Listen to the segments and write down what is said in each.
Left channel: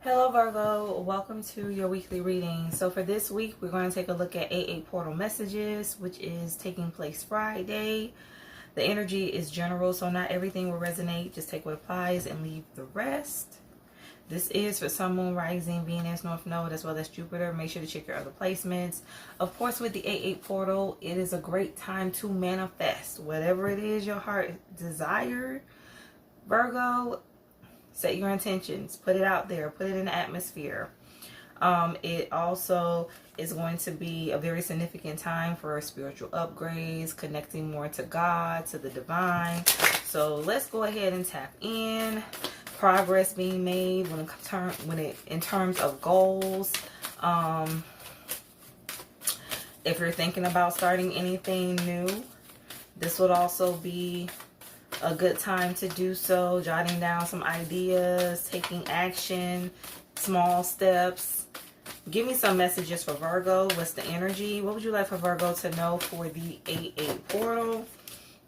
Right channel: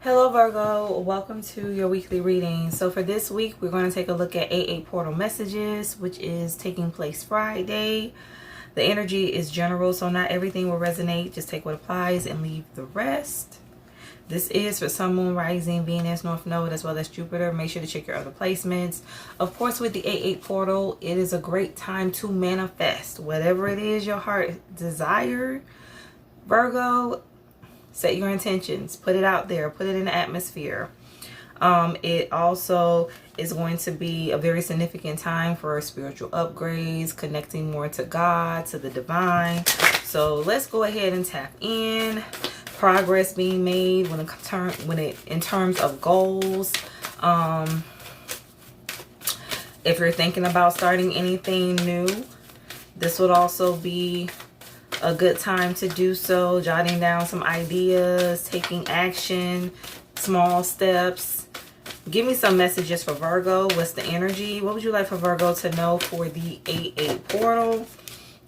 Hello Virgo, welcome to your weekly reading. So for this week, we're going to take a look at 8/8 portal messages, which is taking place Friday. The energy is general, so not everything will resonate. Just take what applies and leave the rest. This is for Sun, Moon, Rising, Venus, North Node, as well as Jupiter. Make sure to check your other placements. Of course, with the 8/8 portal, it is a great time to manifest whatever it is your heart desires. Virgo, set your intentions, put it out there, put it in the atmosphere. It also is going to be a very significant time for spiritual upgrades, connecting more to God, to the divine. So let's go ahead and tap in. Progress being made in terms of goals. If you're thinking about starting anything new, this would also be a good time to do so. Jotting down some ideas, taking action, small steps. Give me some messages for Virgo. What's the energy? What would you like for Virgo to know for the 8/8 portal?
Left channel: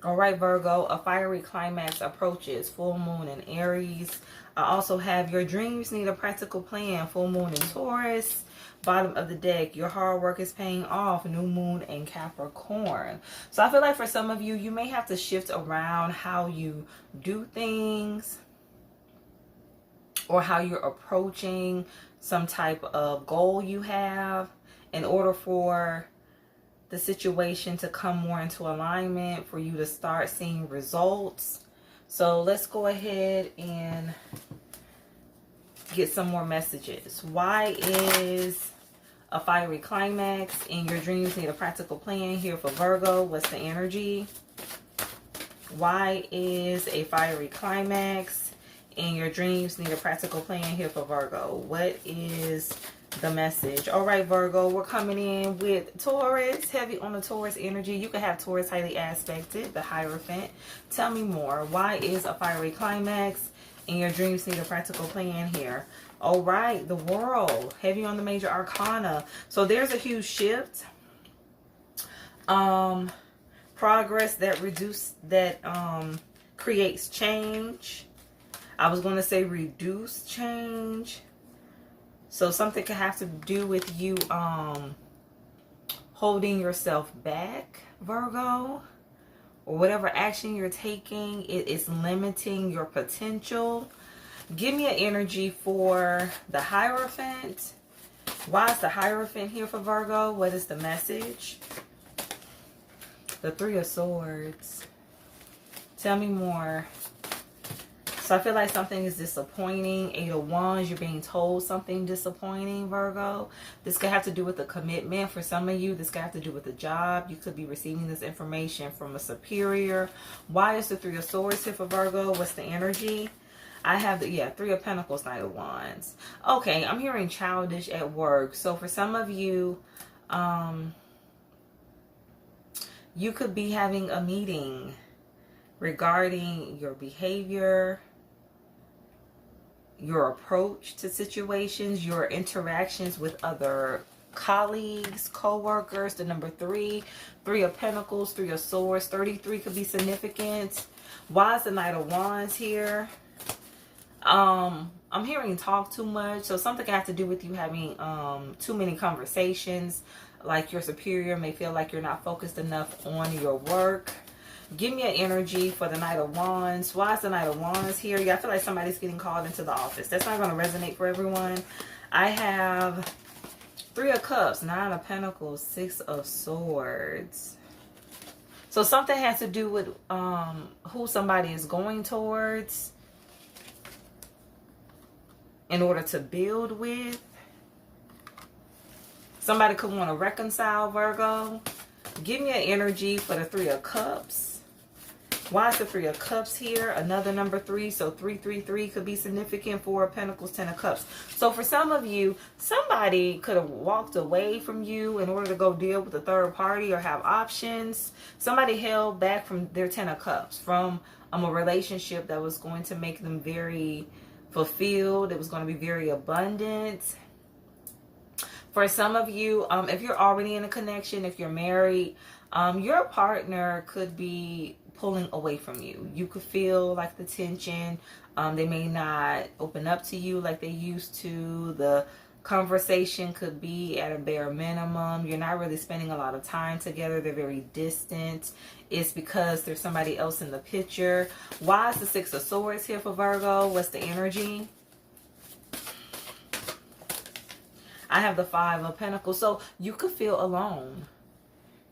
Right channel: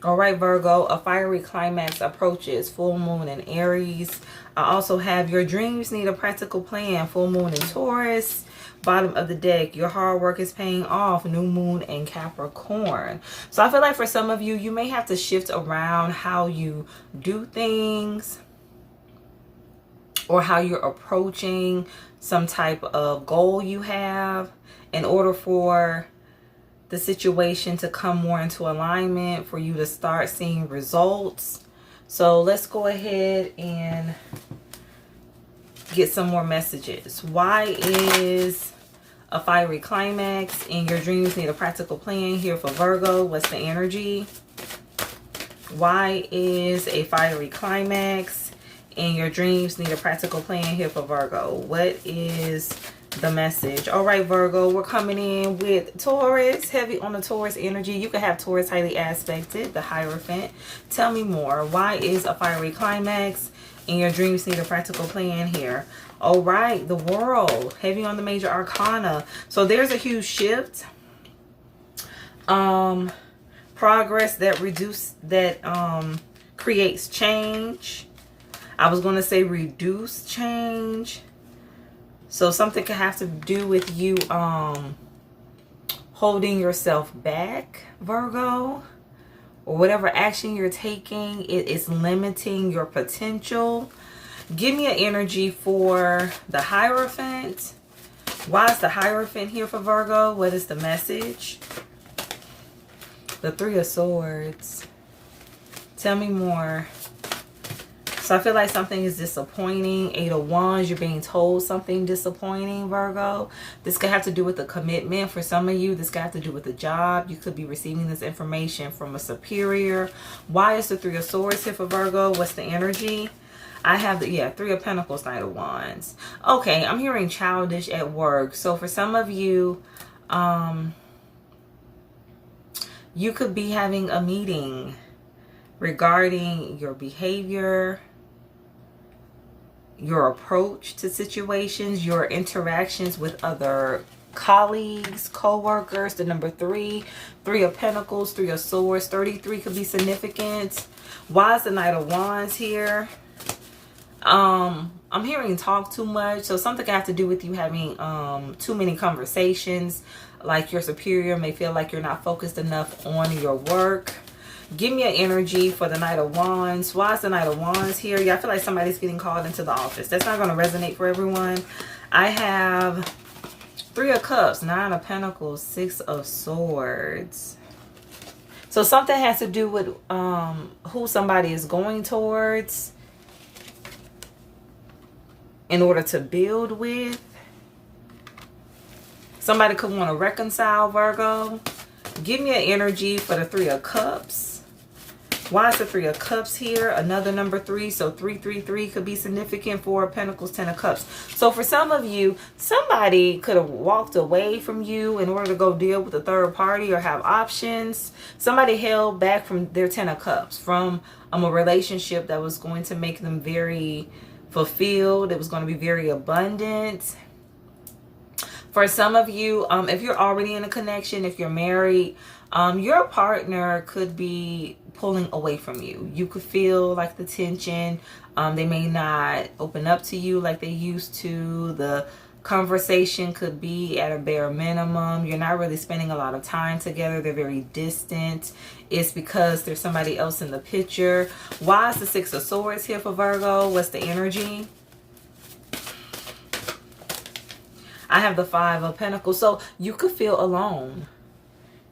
All right, Virgo, a fiery climax approaches. Full moon in Aries. I also have your dreams need a practical plan. Full moon in Taurus. Bottom of the deck, your hard work is paying off. New moon in Capricorn. So I feel like for some of you, you may have to shift around how you do things or how you're approaching some type of goal you have in order for the situation to come more into alignment, for you to start seeing results. So let's go ahead and get some more messages. Why is a fiery climax and your dreams need a practical plan here for Virgo? What's the energy? Why is a fiery climax and your dreams need a practical plan here for Virgo? What is the message? All right, Virgo, we're coming in with Taurus, heavy on the Taurus energy. You can have Taurus highly aspected, the Hierophant. Tell me more. Why is a fiery climax and your dreams need a practical plan here? All right, the World, heavy on the major arcana. So there's a huge shift. Progress that creates change. I was going to say reduce change. So something could have to do with you holding yourself back, Virgo, or whatever action you're taking, it is limiting your potential. Give me an energy for the Hierophant. Why is the Hierophant here for Virgo? What is the message? The Three of Swords. Tell me more. So I feel like something is disappointing. 8 of Wands, you're being told something disappointing, Virgo. This could have to do with a commitment. For some of you, this could have to do with a job. You could be receiving this information from a superior. Why is the Three of Swords here for Virgo? What's the energy? I have the, Three of Pentacles, Knight of Wands. Okay, I'm hearing childish at work. So for some of you, you could be having a meeting regarding your behavior, your approach to situations, your interactions with other colleagues, co-workers. The number 3, Three of Pentacles, Three of Swords, 33 could be significant. Why is the Knight of Wands here? I'm hearing talk too much. So something could have to do with you having too many conversations. Like your superior may feel like you're not focused enough on your work. Give me an energy for the Knight of Wands. Why is the Knight of Wands here? Yeah, I feel like somebody's getting called into the office. That's not going to resonate for everyone. I have Three of Cups, Nine of Pentacles, Six of Swords. So something has to do with who somebody is going towards in order to build with. Somebody could want to reconcile, Virgo. Give me an energy for the Three of Cups. Why is the Three of Cups here? Another number 3. So 333 could be significant. 4 of Pentacles, 10 of Cups. So for some of you, somebody could have walked away from you in order to go deal with a third party or have options. Somebody held back from their 10 of Cups, from a relationship that was going to make them very fulfilled. It was going to be very abundant. For some of you, if you're already in a connection, if you're married, your partner could be pulling away from you. You could feel like the tension They may not open up to you like they used to. The conversation could be at a bare minimum. You're not really spending a lot of time together. They're very distant. It's because there's somebody else in the picture. Why is the Six of Swords here for Virgo? What's the energy? I have the Five of Pentacles. So you could feel alone.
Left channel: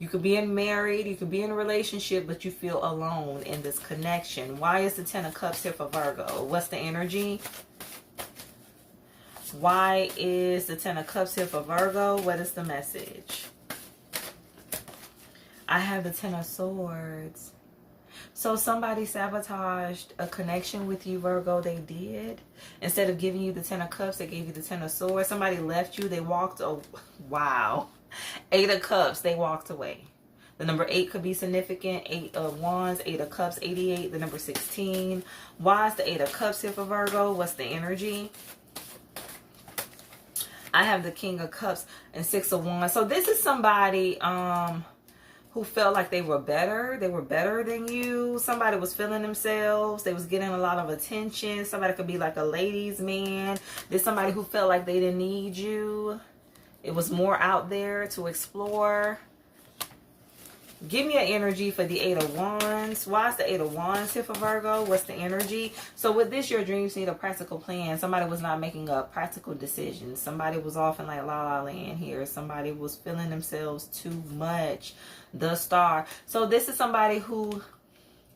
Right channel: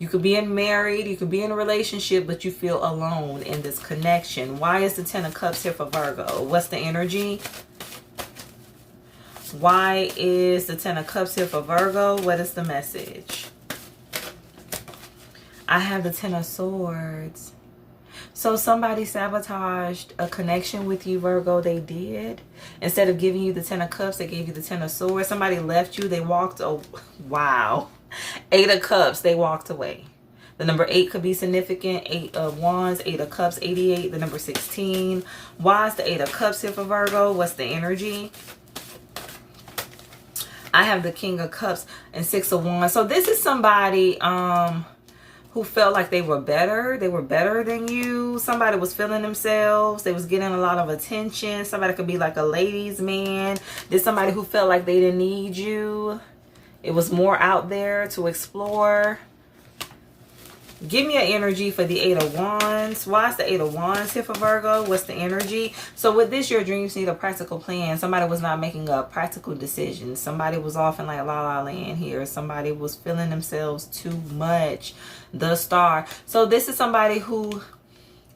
You could be married, you could be in a relationship, but you feel alone in this connection. Why is the Ten of Cups here for Virgo? What's the energy? Why is the Ten of Cups here for Virgo? What is the message? I have the Ten of Swords. So somebody sabotaged a connection with you, Virgo. They did. Instead of giving you the Ten of Cups, they gave you the Ten of Swords. Somebody left you. They walked. Oh, wow. Eight of Cups. They walked away. The number 8 could be significant. 8 of Wands, 8 of Cups, 88. The number 16. Why is the 8 of Cups here for Virgo? What's the energy? I have the King of Cups and 6 of Wands. So this is somebody who felt like they were better. They were better than you. Somebody was feeling themselves. They was getting a lot of attention. Somebody could be like a ladies' man. There's somebody who felt like they didn't need you. It was more out there to explore. Give me an energy for the 8 of Wands. Why is the 8 of Wands here for Virgo? What's the energy? So with this, your dreams need a practical plan. Somebody was not making a practical decision. Somebody was off in like la la land here. Somebody was feeling themselves too much. The Star. So this is somebody who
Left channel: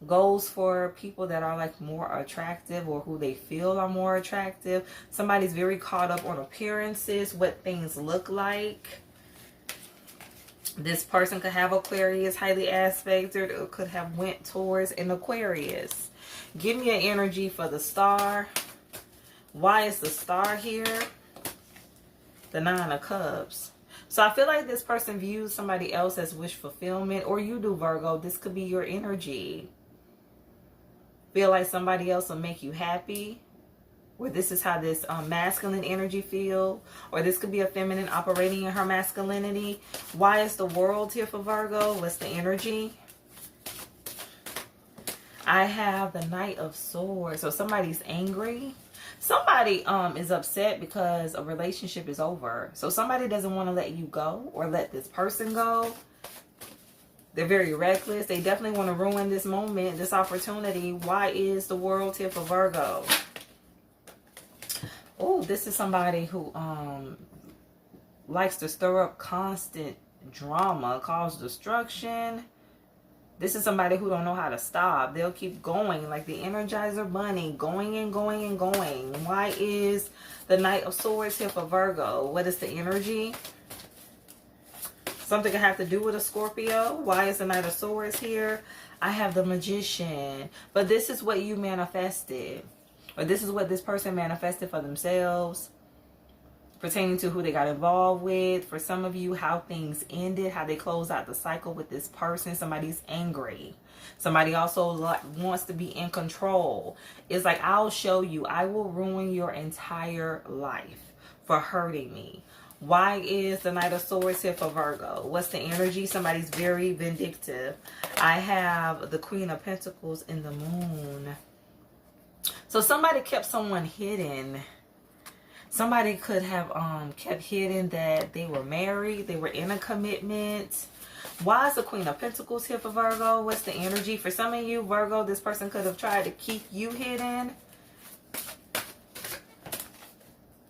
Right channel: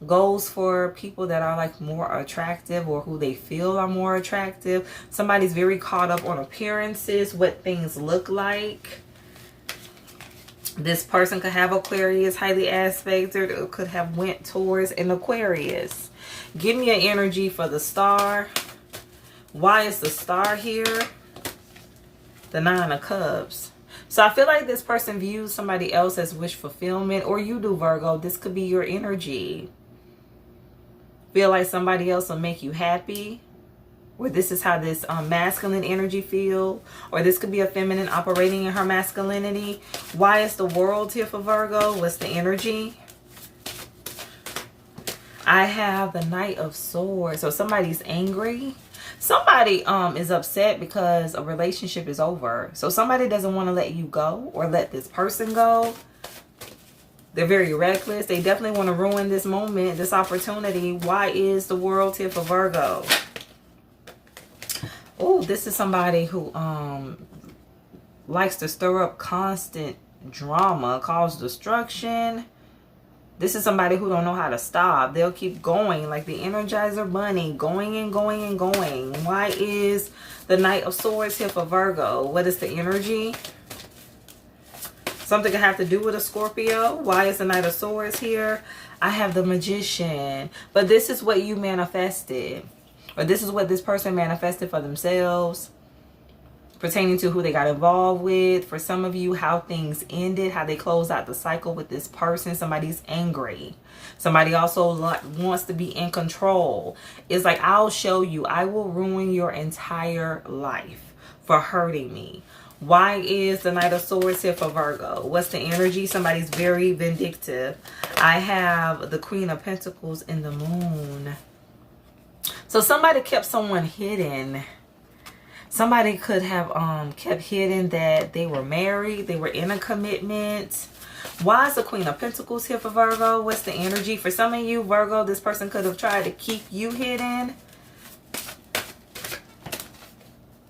goes for people that are like more attractive, or who they feel are more attractive. Somebody's very caught up on appearances, what things look like. This person could have Aquarius highly aspected, or could have went towards an Aquarius. Give me an energy for the Star. Why is the Star here? The 9 of Cups. So I feel like this person views somebody else as wish fulfillment, or you do, Virgo. This could be your energy. Feel like somebody else will make you happy, or this is how this masculine energy feel, or this could be a feminine operating in her masculinity. Why is the World here for Virgo? What's the energy? I have the Knight of Swords. So somebody's angry. Somebody is upset because a relationship is over. So somebody doesn't want to let you go, or let this person go. They're very reckless. They definitely want to ruin this moment, this opportunity. Why is the World here for Virgo? Oh, this is somebody who likes to stir up constant drama, cause destruction. This is somebody who don't know how to stop. They'll keep going like the Energizer Bunny, going and going and going. Why is the Knight of Swords here for Virgo? What is the energy? Something could have to do with a Scorpio. Why is the Knight of Swords here? I have the Magician. But this is what you manifested. Or this is what this person manifested for themselves. Pertaining to who they got involved with. For some of you, how things ended. How they closed out the cycle with this person. Somebody's angry. Somebody also wants to be in control. It's like, I'll show you. I will ruin your entire life for hurting me. Why is the Knight of Swords here for Virgo? What's the energy? Somebody's very vindictive. I have the Queen of Pentacles in the Moon. So somebody kept someone hidden. Somebody could have kept hidden that they were married. They were in a commitment. Why is the Queen of Pentacles here for Virgo? What's the energy? For some of you, Virgo, this person could have tried to keep you hidden.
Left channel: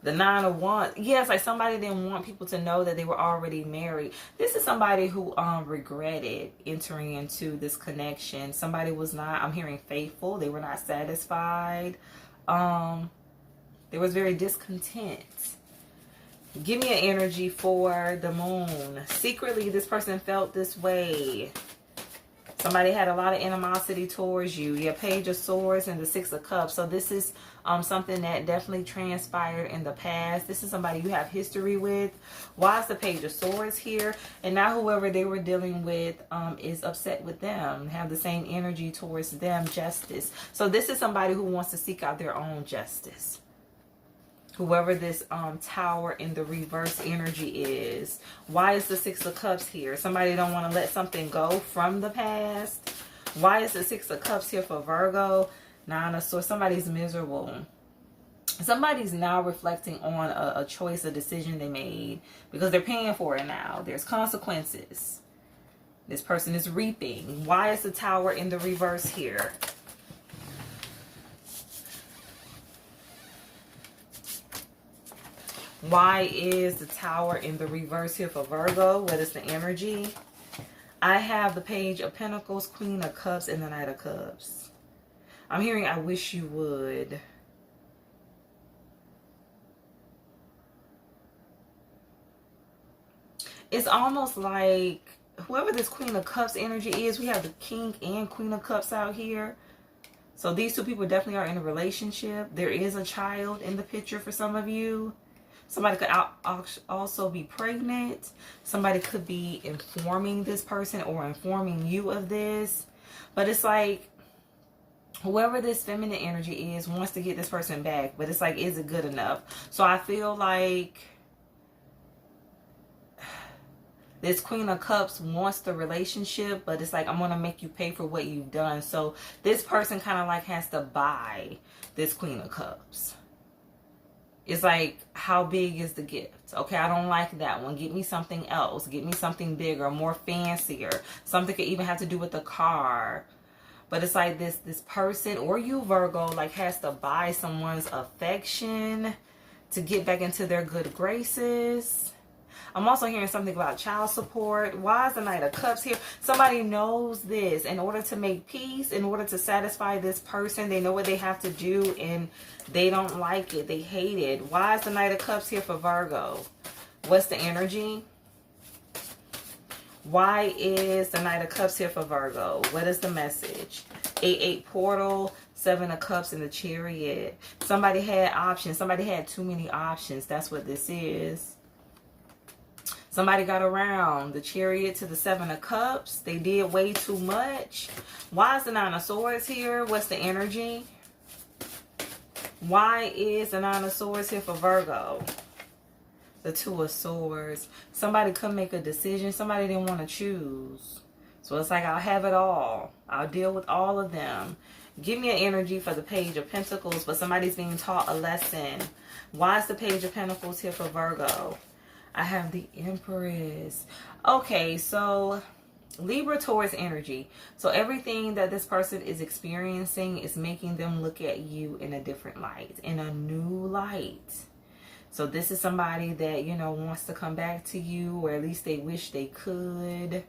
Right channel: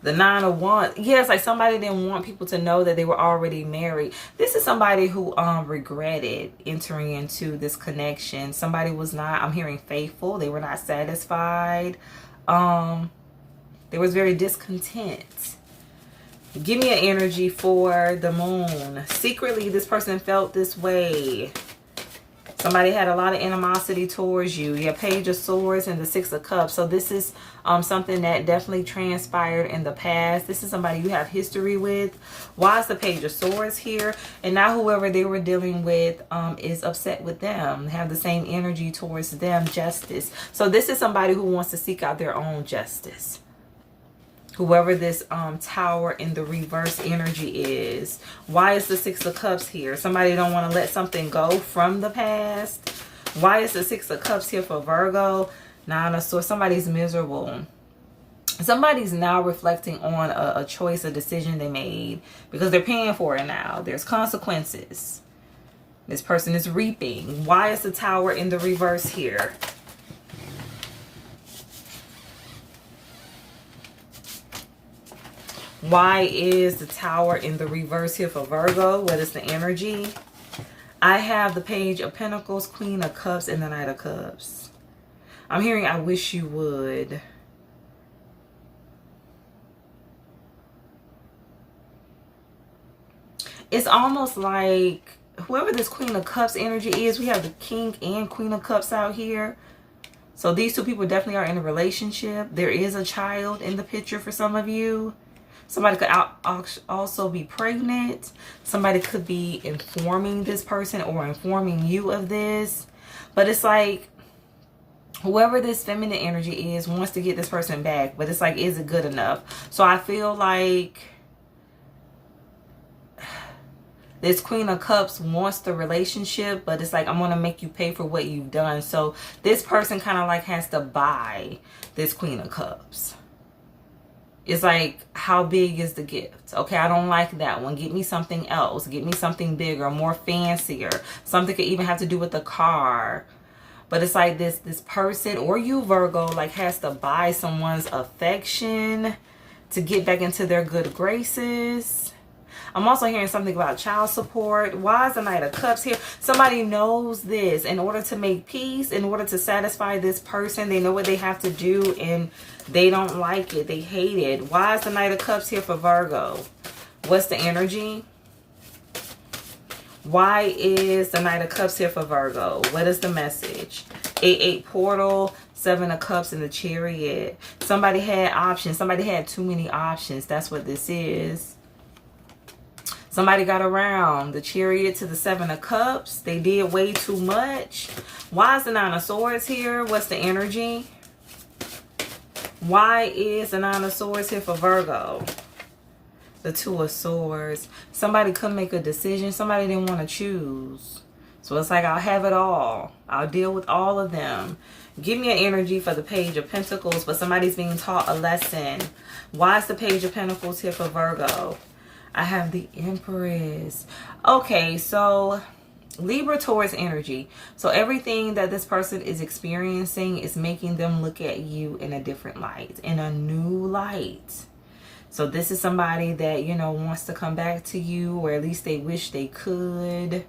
The 9 of Wands. Yes, like somebody didn't want people to know that they were already married. This is somebody who regretted entering into this connection. Somebody was not, I'm hearing faithful. They were not satisfied. They was very discontent. Give me an energy for the Moon. Secretly, this person felt this way. Somebody had a lot of animosity towards you. Your Page of Swords and the 6 of Cups. So this is something that definitely transpired in the past. This is somebody you have history with. Why is the Page of Swords here? And now whoever they were dealing with is upset with them. Have the same energy towards them. Justice. So this is somebody who wants to seek out their own justice. Whoever this Tower in the reverse energy is. Why is the 6 of Cups here? Somebody don't want to let something go from the past. Why is the 6 of Cups here for Virgo? Nine of Swords. Somebody's miserable. Somebody's now reflecting on a choice, a decision they made, because they're paying for it now. There's consequences. This person is reaping. Why is the Tower in the reverse here? Why is the Tower in the reverse here for Virgo? What is the energy? I have the Page of Pentacles, Queen of Cups, and the Knight of Cups. I'm hearing, I wish you would. It's almost like whoever this Queen of Cups energy is, we have the King and Queen of Cups out here. So these two people definitely are in a relationship. There is a child in the picture for some of you. Somebody could also be pregnant. Somebody could be informing this person or informing you of this. But it's like whoever this feminine energy is wants to get this person back. But it's like, is it good enough? So I feel like this Queen of Cups wants the relationship, but it's like, I'm going to make you pay for what you've done. So this person kind of like has to buy this Queen of Cups. It's like, how big is the gift? Okay, I don't like that one. Get me something else. Get me something bigger, more fancier. Something could even have to do with the car. But it's like this person, or you Virgo, like has to buy someone's affection to get back into their good graces. I'm also hearing something about child support. Why is the Knight of Cups here? Somebody knows this. In order to make peace, in order to satisfy this person, they know what they have to do and they don't like it. They hate it. Why is the Knight of Cups here for Virgo? What's the energy? Why is the Knight of Cups here for Virgo? What is the message? 8-8 portal, 7 of Cups, and the Chariot. Somebody had options. Somebody had too many options. That's what this is. Somebody got around the Chariot to the 7 of Cups. They did way too much. Why is the 9 of Swords here? What's the energy? Why is the 9 of Swords here for Virgo? The 2 of Swords. Somebody couldn't make a decision. Somebody didn't want to choose. So it's like, I'll have it all. I'll deal with all of them. Give me an energy for the Page of Pentacles, but somebody's being taught a lesson. Why is the Page of Pentacles here for Virgo? I have the Empress. Okay, so Libra, Taurus energy. So everything that this person is experiencing is making them look at you in a different light, in a new light. So this is somebody that, you know, wants to come back to you, or at least they wish they could.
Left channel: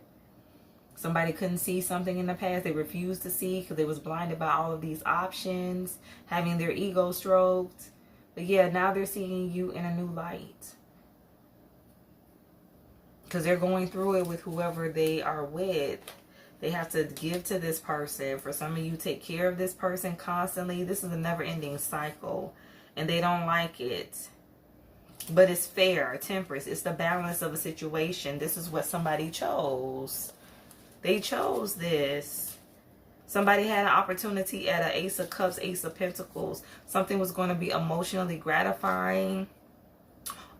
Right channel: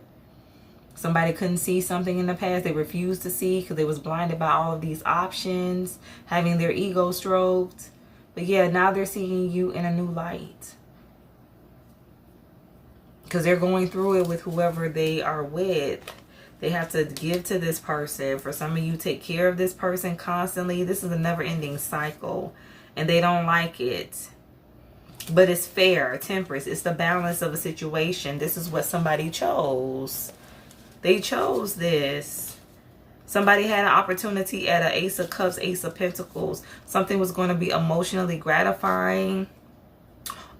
Somebody couldn't see something in the past they refused to see because they was blinded by all of these options, having their ego stroked. But yeah, now they're seeing you in a new light. Because they're going through it with whoever they are with. They have to give to this person. For some of you, take care of this person constantly. This is a never-ending cycle. And they don't like it. But it's fair. Temperance. It's the balance of a situation. This is what somebody chose. They chose this. Somebody had an opportunity at an Ace of Cups, Ace of Pentacles. Something was going to be emotionally gratifying.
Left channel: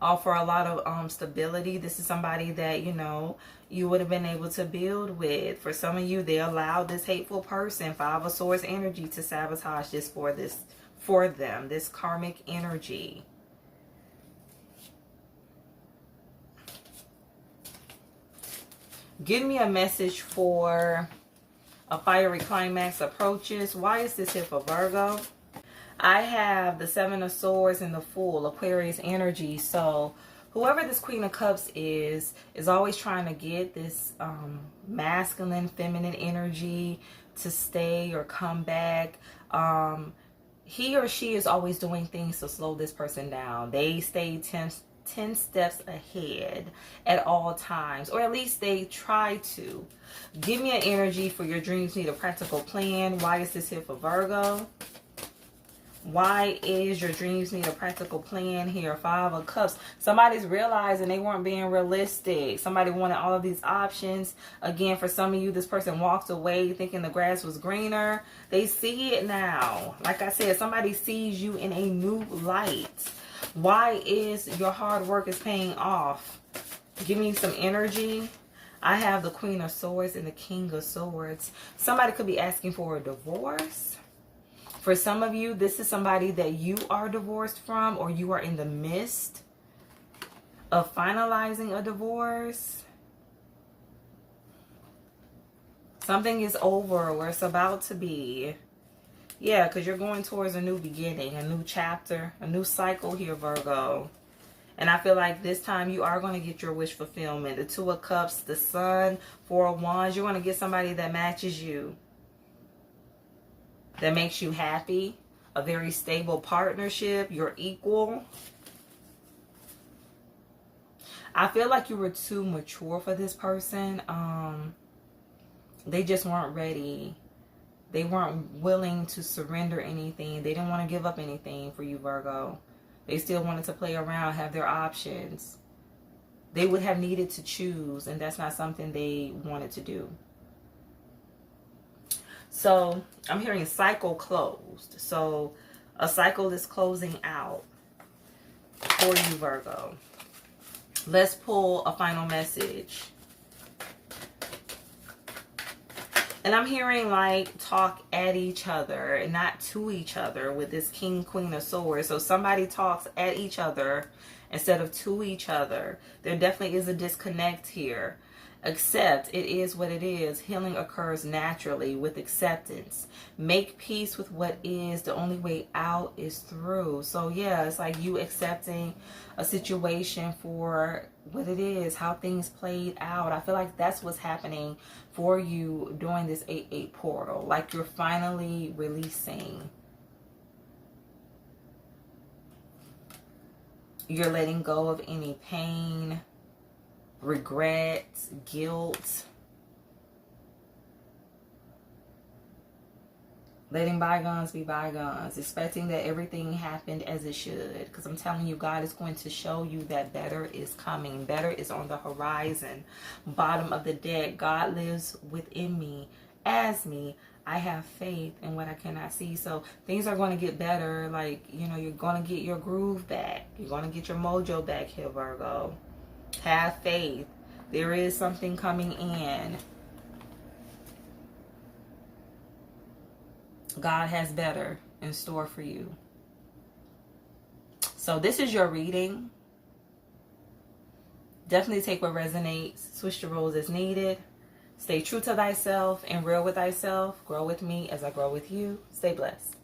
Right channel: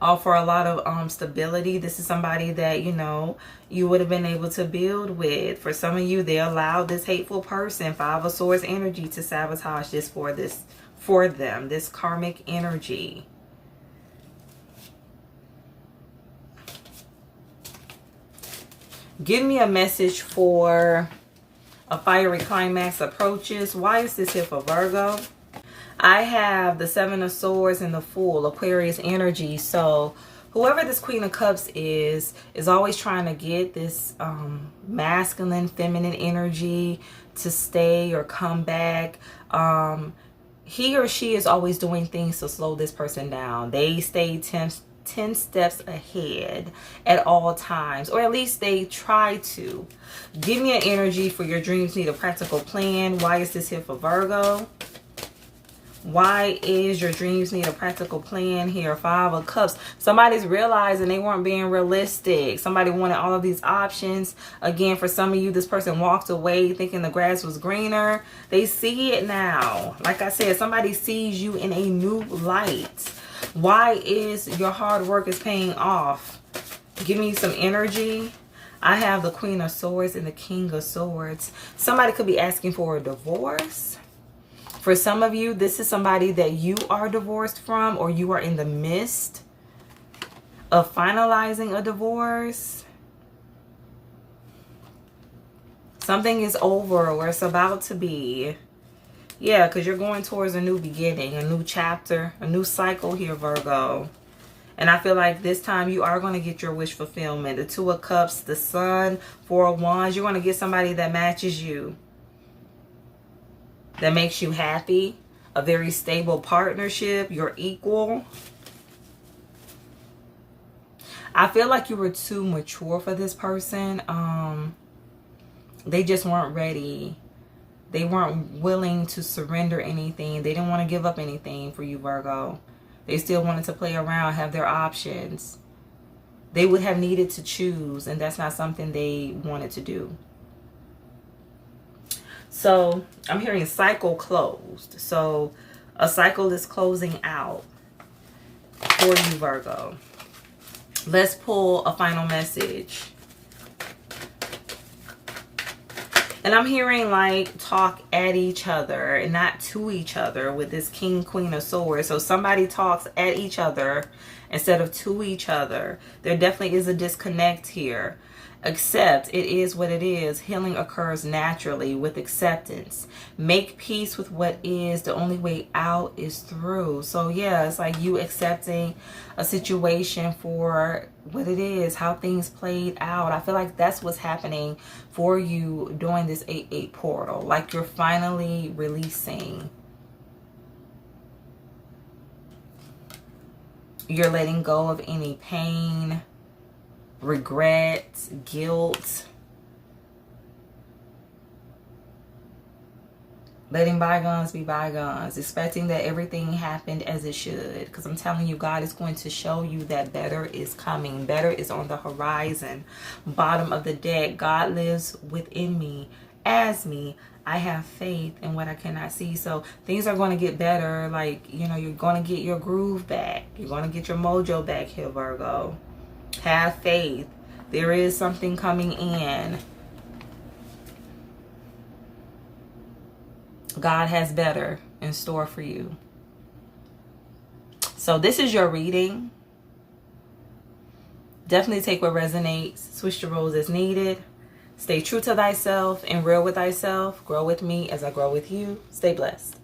Offer a lot of stability. This is somebody that, you know, you would have been able to build with. For some of you, they allowed this hateful person, 5 of Swords energy, to sabotage this for them. This karmic energy. Give me a message for a fiery climax approaches. Why is this here for Virgo? I have the 7 of Swords and the Fool, Aquarius energy. So whoever this Queen of Cups is always trying to get this masculine, feminine energy to stay or come back. He or she is always doing things to slow this person down. They stay 10 steps ahead at all times, or at least they try to. Give me an energy for your dreams need a practical plan. Why is this here for Virgo? Why is your dreams need a practical plan here? 5 of Cups. Somebody's realizing they weren't being realistic. Somebody wanted all of these options. Again, for some of you, this person walked away thinking the grass was greener. They see it now. Like I said, somebody sees you in a new light. Why is your hard work is paying off? Give me some energy. I have the Queen of Swords and the King of Swords. Somebody could be asking for a divorce. For some of you, this is somebody that you are divorced from, or you are in the midst of finalizing a divorce. Something is over, or it's about to be. Yeah, because you're going towards a new beginning, a new chapter, a new cycle here, Virgo. And I feel like this time you are going to get your wish fulfillment. The Two of Cups, the Sun, Four of Wands. You're going to get somebody that matches you, that makes you happy. A very stable partnership. You're equal. I feel like you were too mature for this person. They just weren't ready. They weren't willing to surrender anything. They didn't want to give up anything for you, Virgo. They still wanted to play around, have their options. They would have needed to choose, and that's not something they wanted to do. So I'm hearing cycle closed. So a cycle is closing out for you, Virgo. Let's pull a final message. And I'm hearing like talk at each other and not to each other with this King, Queen of Swords. So somebody talks at each other instead of to each other. There definitely is a disconnect here. Accept. It is what it is. Healing occurs naturally with acceptance. Make peace with what is. The only way out is through. So yeah, it's like you accepting a situation for what it is, how things played out. I feel like that's what's happening for you during this 8-8 portal. Like you're finally releasing. You're letting go of any pain, regret, guilt. Letting bygones be bygones. Expecting that everything happened as it should. Because I'm telling you, God is going to show you that better is coming. Better is on the horizon. Bottom of the deck. God lives within me. As me. I have faith in what I cannot see. So things are going to get better. Like, you know, you're going to get your groove back. You're going to get your mojo back here, Virgo. Have faith. There is something coming in. God has better in store for you. So this is your reading. Definitely take what resonates. Switch the roles as needed. Stay true to thyself and real with thyself. Grow with me as I grow with you. Stay blessed.